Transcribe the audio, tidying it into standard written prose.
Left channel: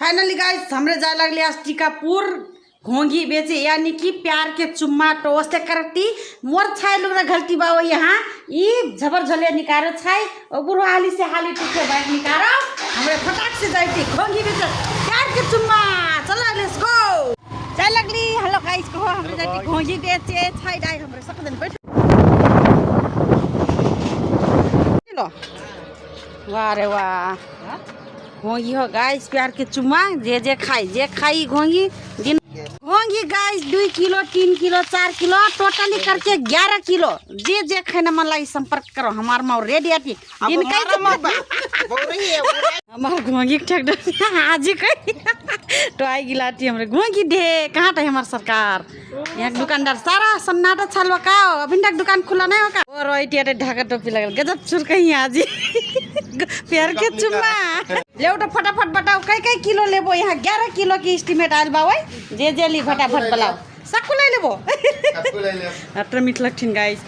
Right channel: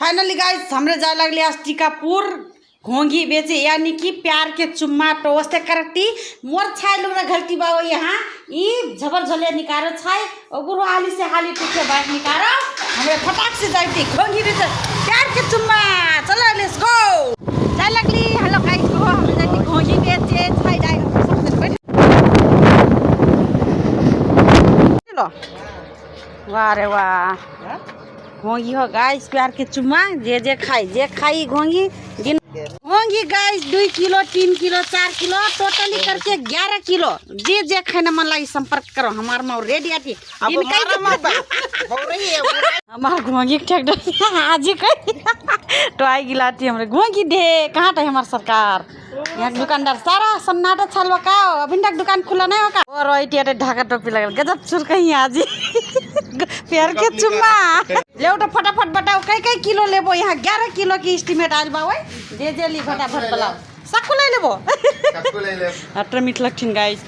finally guys हमरे जाए लगले आज टीकापुर घोंघी बेचे यानी कि प्यार के चुम्मा टोस्ट करती मोर छाई लोग गलती बाओ यहाँ ई झबर झले निकारो छाई और गुरु हाली से हाली पीछे बाइक निकारो हमरे फटाक से जाती घोंघी बेचे प्यार के चुम्मा चलो लेट्स गो जाए लगली हेलो गाइस को हमरे जाती घोंघी बेचे छाई डाई हमरे सब जन बैठ चलो वाह रे वाह घोंगी हो गाइस प्यार के चुम्मा जे खाई घोंगी दिन घोंगी guys 2 kilo 3 kilo 4 kilo totally करके 11 किलो जे खाने मन लगी संपर्क करो हमार माँ रेडी आती हमार घोंगी ठेक आज कहीं तो आई गिलाती हमरे घोंगी दे कहाँ था हमार सरकार यहाँ दुकानदार सारा सन्नाटा छलवा का अभी तक दुकान खुला नहीं होगा और रोइटिया ढाका टोपी लगल गजब सुर कहीं आज प्यार के चुम्मा ले उठो फटाफट बताओ कई किलो लेबो यहाँ 11 किलो की एस्टीमेट आयल बा जे ली फटाफट बताओ सकू ले लेबो अटर मीठ लगथिन गाइस